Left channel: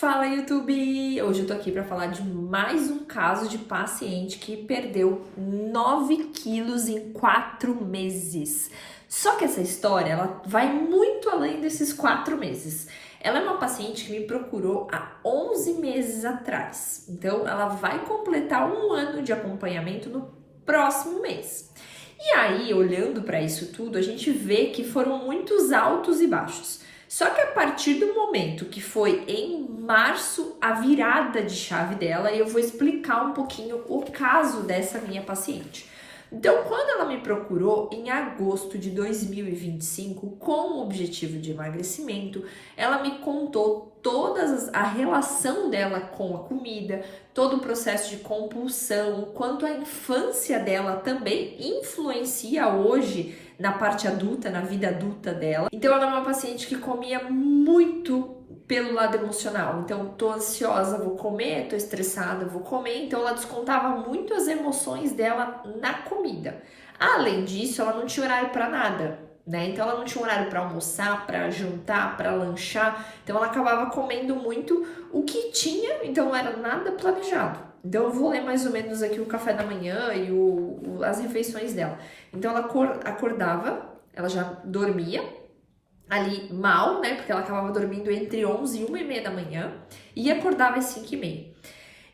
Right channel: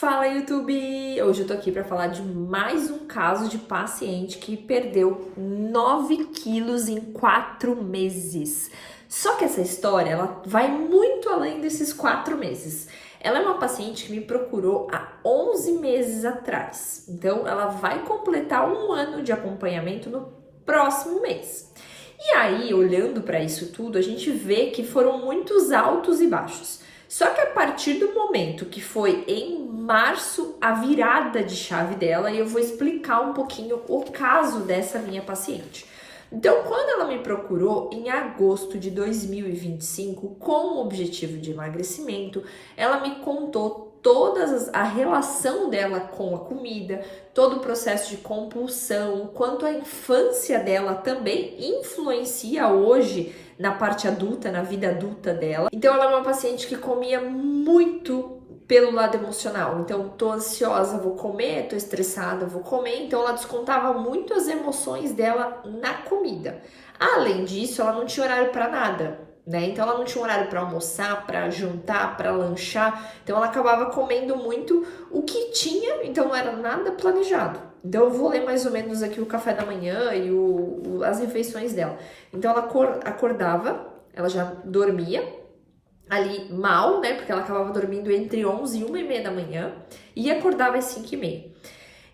Fala, YouTube! Hoje eu tô aqui para falar de mais um caso de paciente que perdeu 9 quilos em 4 meses. Só que essa história, ela vai muito além desses 4 meses. Ela é uma paciente que me procurou há 11 meses atrás. Então, ela vai completar um ano de acompanhamento no próximo mês. E aí, olhando para isso tudo, a gente vê que foram muitos altos e baixos. Só que a partir do momento que foi em março a virada de chave dela, e eu vou explicar um pouquinho o caso dessa minha paciente. Então, quando ela me procurou em agosto de 2025 com o objetivo de emagrecimento, ela me contou a relação dela com a comida, todo o processo de compulsão, o quanto a infância dela também influencia hoje na parte adulta, na vida adulta dela. Então, ela é uma paciente que comia muito pelo lado emocional. Então, tô ansiosa, vou comer, tô estressada, vou comer. Então, ela descontava muito as emoções dela na comida. Além disso, ela não tinha horário para nada, né? Então, ela não tinha horário para almoçar, para jantar, para lanchar. Então, ela acabava comendo muito o que tinha, então não era nada planejado. Então, eu vou ler mais ou menos aqui o café da manhã e as refeições dela. Então, ela acordava, ela já dormia ali mal, né? Porque ela acabava dormindo entre 11 e 1h30 da manhã e acordava às 5h30.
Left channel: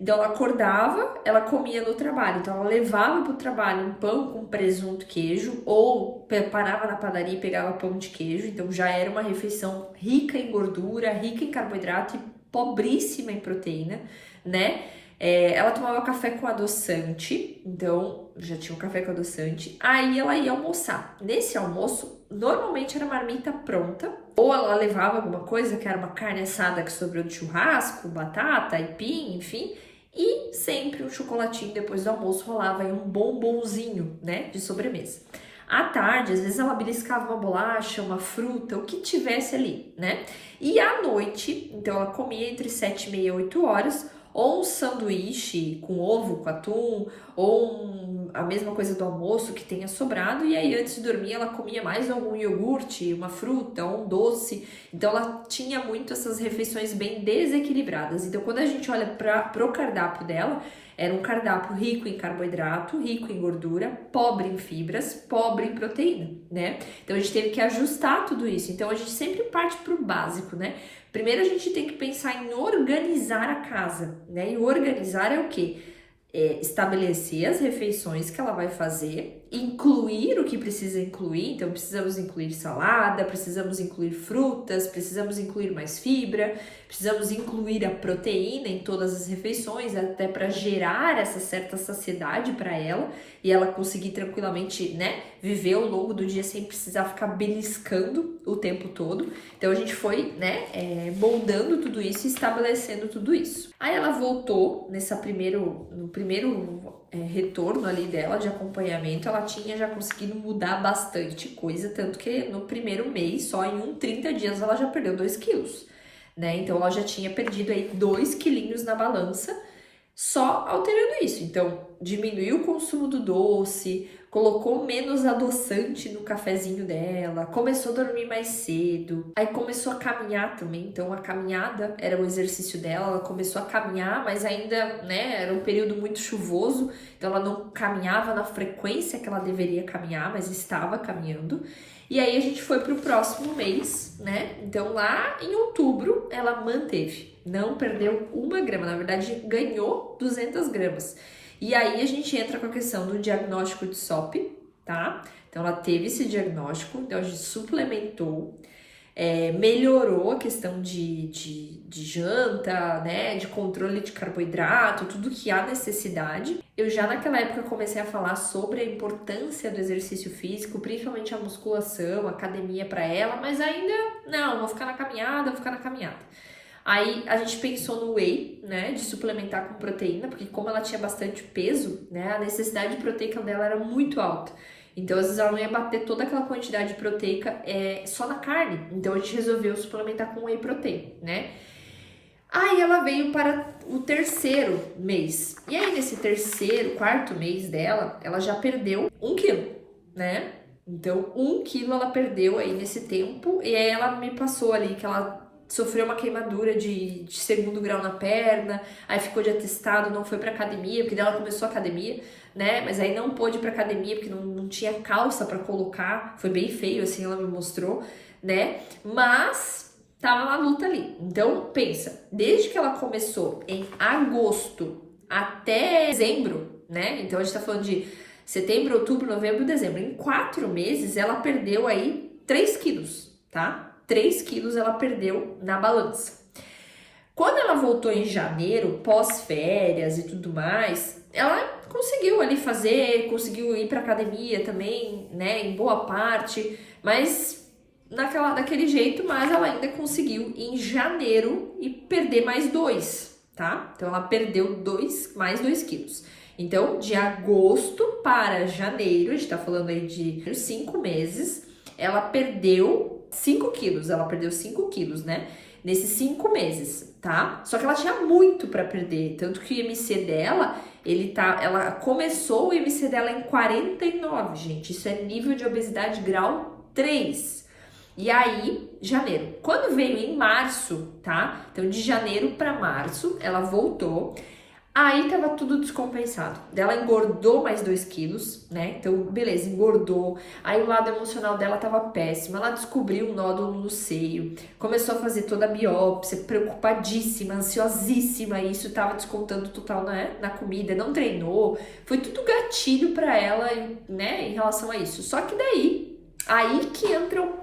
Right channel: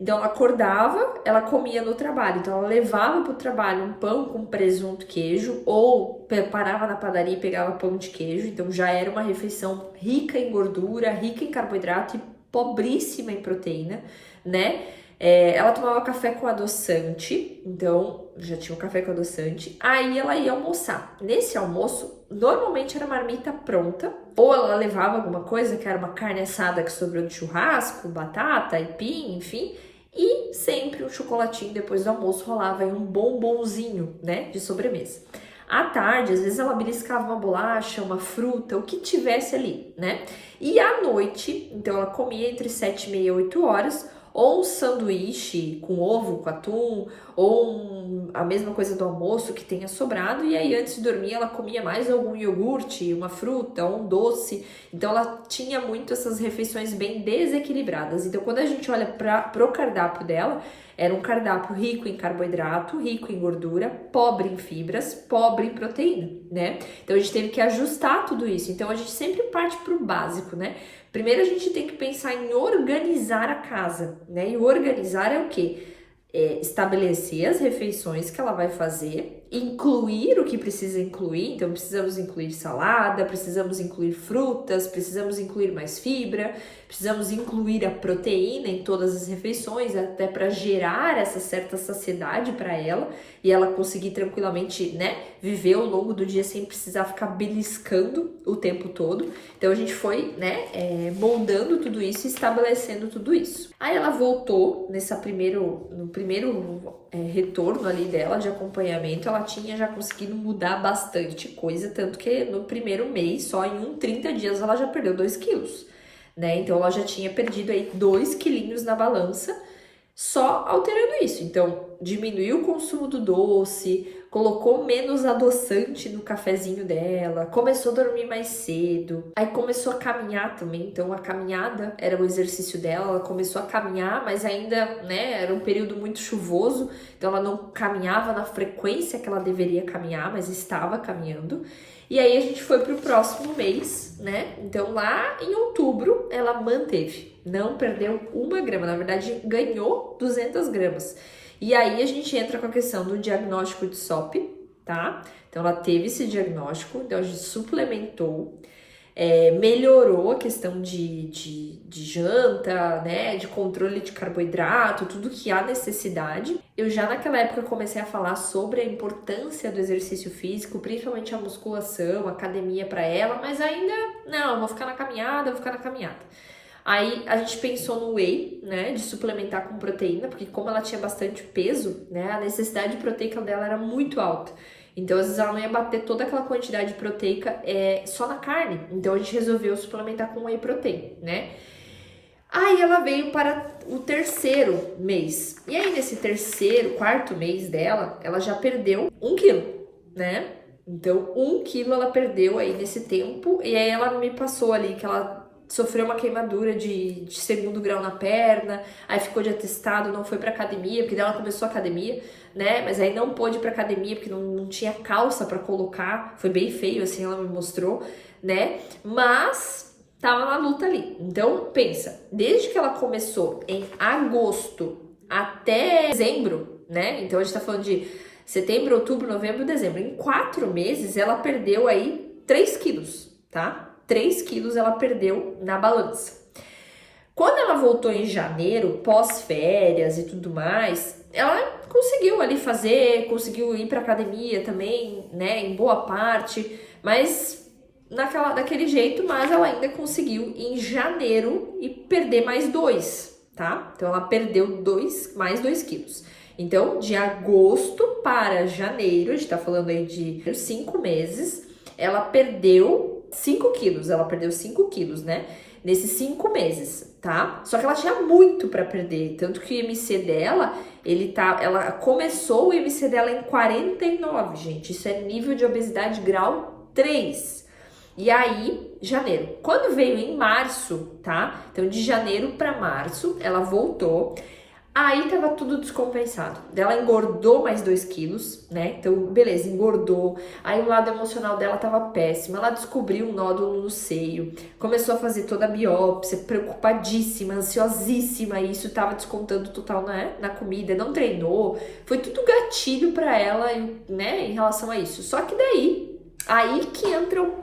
Então, ela acordava, ela comia no trabalho. Então, ela levava para o trabalho um pão com presunto, queijo, ou parava na padaria e pegava pão de queijo. Então, já era uma refeição rica em gordura, rica em carboidrato e pobríssima em proteína, né? Ela tomava café com adoçante, então já tinha um café com adoçante. Aí ela ia almoçar. Nesse almoço, normalmente era marmita pronta, ou ela levava alguma coisa, que era uma carne assada que sobrou do churrasco, batata, aipim, enfim, e sempre um chocolatinho depois do almoço rolava aí um bombonzinho, né, de sobremesa. À tarde, às vezes ela beliscava uma bolacha, uma fruta, o que tivesse ali, né? E à noite, então ela comia entre 7h30 e 8h, ou um sanduíche com ovo, com atum, ou a mesma coisa do almoço que tenha sobrado, e aí antes de dormir ela comia mais algum iogurte, uma fruta, um doce. Então ela tinha muito essas refeições bem desequilibradas. Então quando a gente olha para o cardápio dela, era um cardápio rico em carboidrato, rico em gordura, pobre em fibras, pobre em proteína, né? Então a gente teve que ajustar tudo isso. Então a gente sempre parte para o básico, né? Primeiro a gente tem que pensar em organizar a casa, né? E organizar é o quê? Estabelecer as refeições que ela vai fazer, incluir o que precisa incluir. Então precisamos incluir salada, precisamos incluir frutas, precisamos incluir mais fibra, precisamos incluir a proteína em todas as refeições, até para gerar essa certa saciedade para ela e ela conseguir tranquilamente, né, viver ao longo do dia sem precisar ficar beliscando o tempo todo. Então a gente foi, né, moldando tudo isso e estabelecendo tudo isso. Aí ela voltou no primeiro retorno ali dela de acompanhamento, ela tinha já conseguido mudar bastante coisa, tanto que no primeiro mês, só em 30 dias, ela já perdeu 2 quilos, né? Então ela já tinha perdido aí 2 quilinhos na balança, só alterando isso. Então, diminuiu o consumo do doce, colocou menos adoçante no cafezinho dela, começou a dormir mais cedo, aí começou a caminhar também. Então a caminhada era o exercício dela, ela começou a caminhar, mas ainda, né, era um período muito chuvoso, então ela não caminhava na frequência que ela deveria caminhar, mas estava caminhando. E aí a gente foi pro próximo mês, né? Então lá em outubro ela manteve, não perdeu 1 grama, na verdade ganhou 200 gramas. E aí a gente entra com a questão do diagnóstico de SOP, tá? Então ela teve esse diagnóstico, então a gente suplementou, melhorou a questão de janta, né? De controle de carboidrato, tudo que há necessidade. Eu já naquela época comecei a falar sobre a importância do exercício físico, principalmente a musculação, a academia para ela, mas ainda não, vou ficar na caminhada. Aí a gente pensou no whey, né, de suplementar com proteína, porque como ela tinha bastante peso, né, a necessidade proteica dela era muito alta. Então, às vezes ela não ia bater toda aquela quantidade proteica só na carne. Então, a gente resolveu suplementar com whey protein, né? Aí ela veio para o 3º mês. E aí, nesse 4º mês dela, ela já perdeu 1 quilo, né? Então, 1 quilo ela perdeu aí nesse tempo. E aí ela me passou ali que ela sofreu uma queimadura de 2º grau na perna, aí ficou de atestado, não foi pra academia, porque daí ela começou a academia, né? Mas aí não pôde ir pra academia porque não tinha calça pra colocar, foi bem feio, assim, ela me mostrou, né? Mas tava na luta ali. Então, pensa, desde que ela começou em agosto até dezembro, né? Então a gente tá falando de setembro, outubro, novembro, dezembro. Em 4 meses ela perdeu aí 3 quilos, tá? 3 quilos ela perdeu na balança. Quando ela voltou em janeiro, pós-férias e tudo mais, ela conseguiu ali conseguiu ir pra academia também, né? Em boa parte, mas daquele jeito, mas ela ainda conseguiu em janeiro e perder mais 2, tá? Então ela perdeu mais 2 quilos. Então, de agosto para janeiro, a gente tá falando aí de 5 meses, ela perdeu 5 quilos. Ela perdeu 5 quilos, né? Nesses 5 meses, tá? Só que ela tinha muito pra perder. Tanto que o IMC dela, ela começou o IMC dela em 49, gente. Isso é nível de obesidade grau 3. E aí, janeiro. Quando veio em março, tá? Então, de janeiro para março, ela voltou. Aí tava tudo descompensado. Ela engordou mais 2 quilos, né? Então, beleza, engordou. Aí o lado emocional dela tava péssimo. Ela descobriu um nódulo no seio. Começou a fazer toda a biópsia, preocupadíssima, ansiosíssima. E isso tava descontando total na comida. Não treinou. Foi tudo gatilho pra ela, né? Em relação a isso. Só que daí, aí que entra o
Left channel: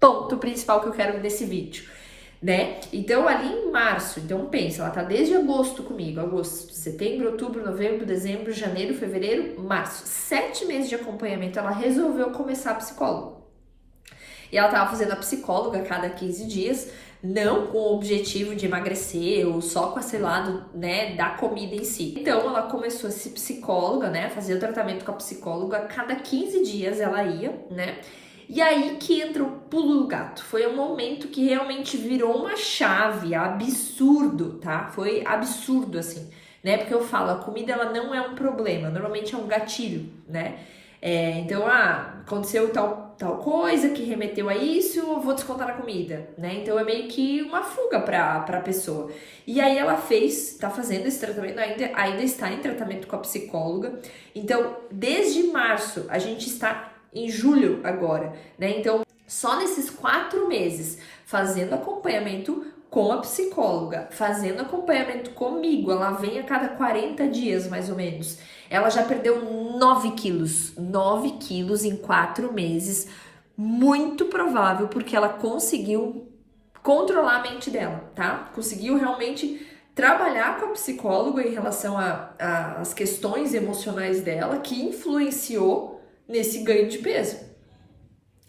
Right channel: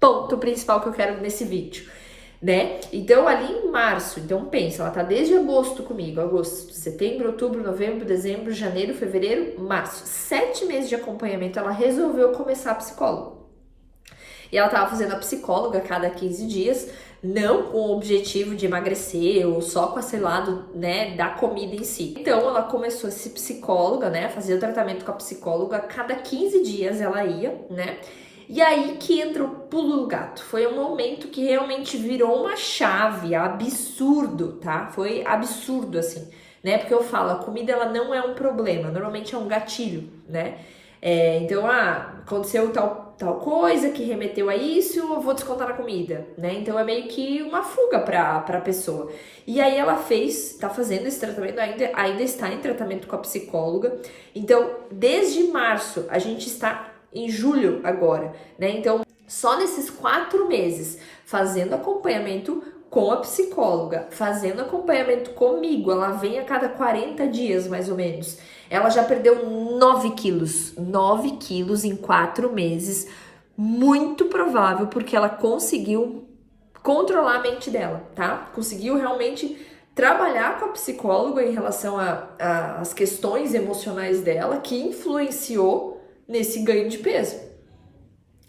ponto principal que eu quero nesse vídeo, né? Então, ali em março, então pensa, ela tá desde agosto comigo, agosto, setembro, outubro, novembro, dezembro, janeiro, fevereiro, março, 7 meses de acompanhamento, ela resolveu começar a psicóloga. E ela tava fazendo a psicóloga a cada 15 dias, não com o objetivo de emagrecer ou só com esse lado, né, da comida em si. Então, ela começou a ser psicóloga, né, fazer o tratamento com a psicóloga, a cada 15 dias ela ia, né, e aí que entra o pulo do gato. Foi um momento que realmente virou uma chave, absurdo, tá? Foi absurdo, assim, né? Porque eu falo, a comida ela não é um problema, normalmente é um gatilho, né? Então, aconteceu tal coisa que remeteu a isso, eu vou descontar na comida, né? Então é meio que uma fuga pra pessoa. E aí ela tá fazendo esse tratamento, ainda está em tratamento com a psicóloga. Então, desde março, a gente está em julho agora, né? Então, só nesses 4 meses, fazendo acompanhamento com a psicóloga, fazendo acompanhamento comigo, ela vem a cada 40 dias, mais ou menos. Ela já perdeu 9 quilos. 9 quilos em 4 meses. Muito provável, porque ela conseguiu controlar a mente dela, tá? Conseguiu realmente trabalhar com a psicóloga em relação às questões emocionais dela, que influenciou nesse ganho de peso.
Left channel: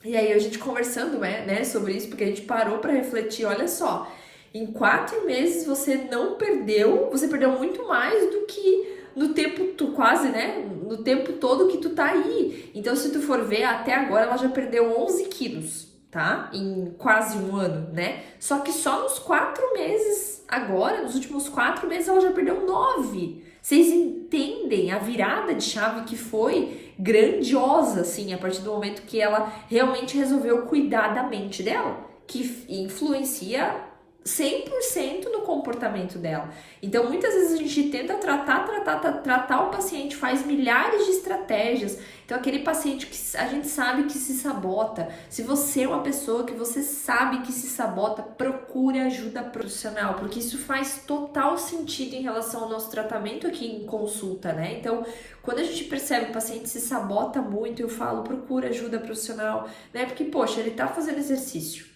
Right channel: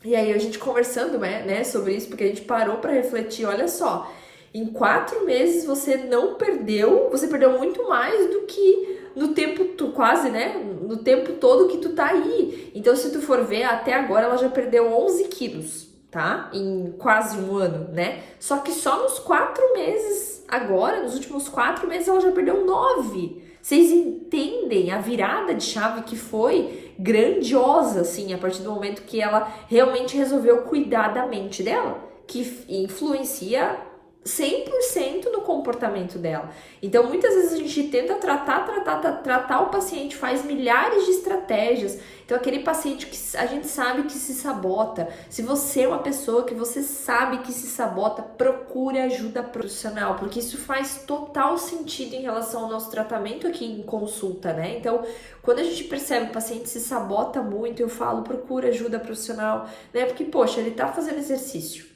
E aí a gente conversando, né, sobre isso, porque a gente parou para refletir, olha só, em 4 meses você perdeu muito mais do que no tempo, quase, né, no tempo todo que tu tá aí. Então, se tu for ver, até agora ela já perdeu 11 quilos, tá? Em quase um ano, né? Só que só nos 4 meses, agora, nos últimos 4 meses, ela já perdeu 9. Vocês entendem a virada de chave que foi grandiosa, assim, a partir do momento que ela realmente resolveu cuidar da mente dela, que influencia 100% no comportamento dela. Então, muitas vezes a gente tenta tratar o paciente, faz milhares de estratégias. Então, aquele paciente que a gente sabe que se sabota, se você é uma pessoa que você sabe que se sabota, procure ajuda profissional, porque isso faz total sentido em relação ao nosso tratamento aqui em consulta, né? Então, quando a gente percebe que o paciente se sabota muito, eu falo, procura ajuda profissional, né? Porque, poxa, ele tá fazendo exercício.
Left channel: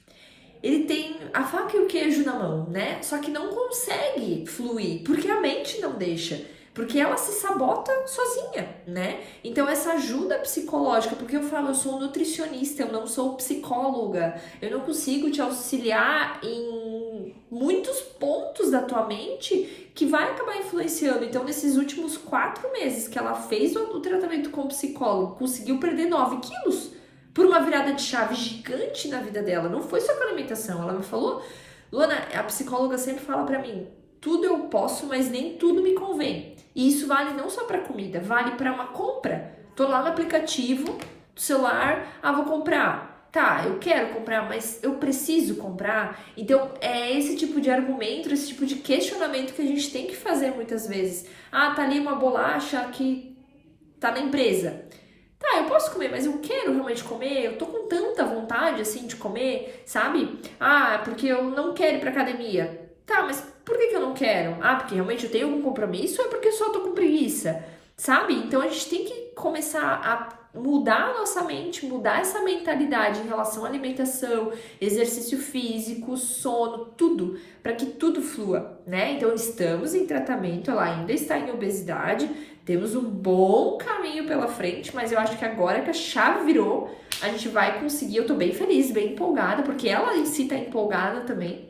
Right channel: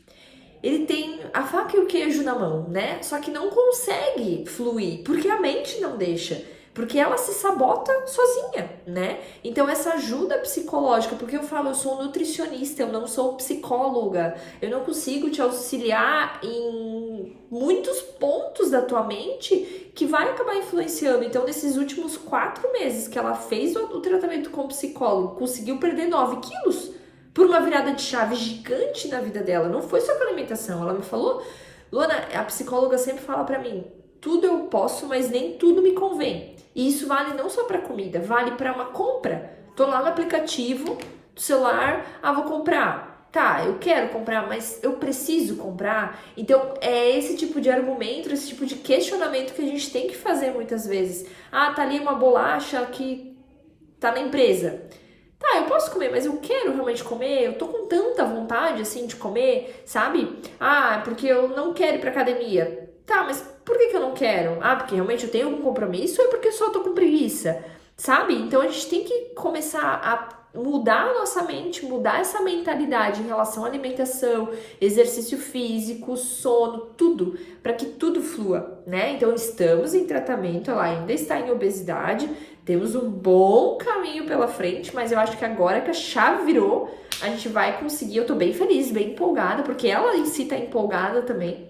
Ele tem a faca e o queijo na mão, né? Só que não consegue fluir, porque a mente não deixa. Porque ela se sabota sozinha, né? Então, essa ajuda psicológica, porque eu falo, eu sou nutricionista, eu não sou psicóloga, eu não consigo te auxiliar em muitos pontos da tua mente que vai acabar influenciando. Então, nesses últimos 4 meses que ela fez o tratamento com o psicólogo, conseguiu perder 9 quilos. Por uma virada de chave gigante na vida dela. Não foi só com a alimentação. Ela me falou, Luana, a psicóloga sempre fala pra mim, tudo eu posso, mas nem tudo me convém. E isso vale não só pra comida, vale pra uma compra. Tô lá no aplicativo do celular, vou comprar. Tá, eu quero comprar, mas eu preciso comprar. Então, é esse tipo de argumento, esse tipo de questionamento que a gente tem que fazer muitas vezes. Ah, tá ali uma bolacha que tá na empresa. Tá, eu posso comer, mas eu quero realmente comer, eu tô com tanta vontade, assim, de comer, sabe? Ah, porque eu não quero ir pra academia. Tá, mas por que eu não quero? Ah, porque realmente eu tenho algum compromisso ou é porque eu só tô com preguiça? Sabe? Então a gente tem que começar a mudar a nossa mente, mudar essa mentalidade em relação à alimentação, exercício físico, sono, tudo, para que tudo flua, né? Então estamos em tratamento, ela ainda está em obesidade, temos um bom caminho pela frente, mas eu acho que agora que a chave virou, a gente vai conseguir. Eu tô bem feliz, bem empolgada, porque ela em si tá empolgada também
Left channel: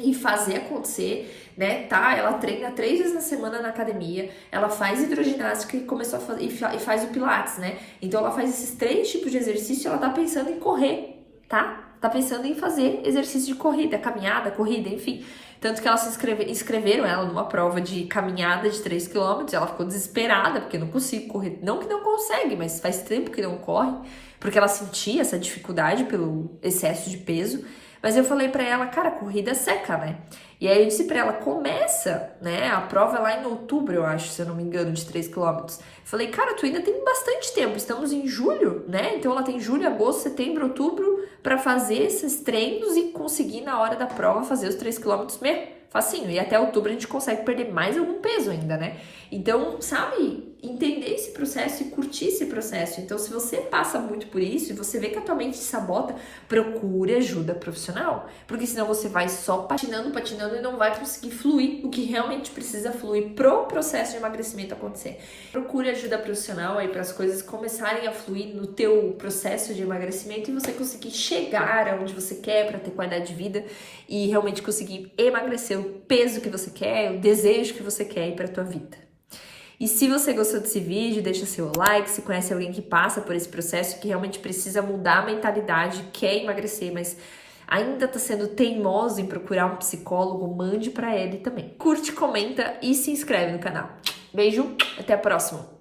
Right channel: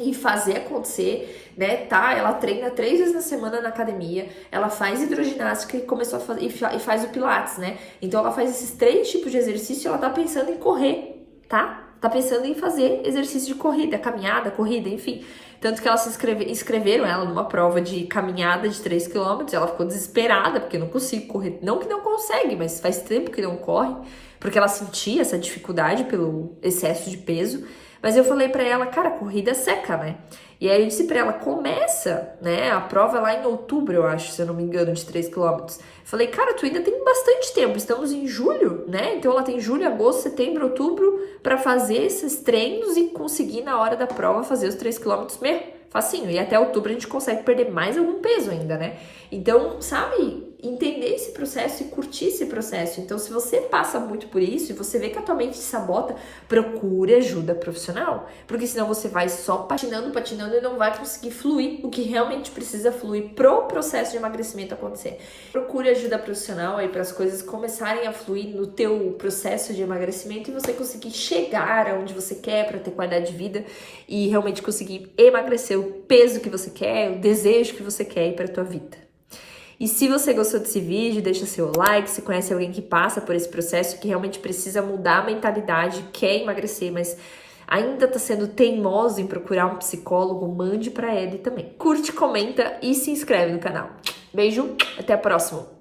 em fazer acontecer, né? Tá, ela treina 3 vezes na semana na academia, ela faz hidroginástica e começou a fazer e faz o pilates, né? Então ela faz esses 3 tipos de exercício e ela tá pensando em correr, tá? Tá pensando em fazer exercício de corrida, caminhada, corrida, enfim. Tanto que elas inscreveram ela numa prova de caminhada de 3 km, ela ficou desesperada, porque não consigo correr. Não que não consegue, mas faz tempo que não corre, porque ela sentia essa dificuldade pelo excesso de peso. Mas eu falei pra ela, cara, corrida seca, né? E aí eu disse pra ela, começa, né? A prova é lá em outubro, eu acho, se eu não me engano, de 3 quilômetros. Falei, cara, tu ainda tem bastante tempo, estamos em julho, né? Então ela tem julho, agosto, setembro, outubro pra fazer esses treinos e conseguir na hora da prova fazer os 3 quilômetros mesmo. Facinho. E até outubro a gente consegue perder mais algum peso ainda, né? Então, sabe, entender esse processo e curtir esse processo. Então, se você passa muito por isso e você vê que a tua mente se sabota, procure ajuda profissional. Porque senão você vai só patinando e não vai conseguir fluir o que realmente precisa fluir pro processo de emagrecimento acontecer. Procure ajuda profissional aí para as coisas começarem a fluir no teu processo de emagrecimento e você conseguir chegar aonde você quer para ter qualidade de vida e realmente conseguir emagrecer o peso que você quer, o desejo que você quer para a tua vida. E se você gostou desse vídeo, deixa seu like, se conhece alguém que passa por esse processo, que realmente precisa mudar a mentalidade, quer emagrecer, mas ainda tá sendo teimoso em procurar um psicólogo, mande para ele também. Curte, comenta e se inscreve no canal. Beijo, até a próxima!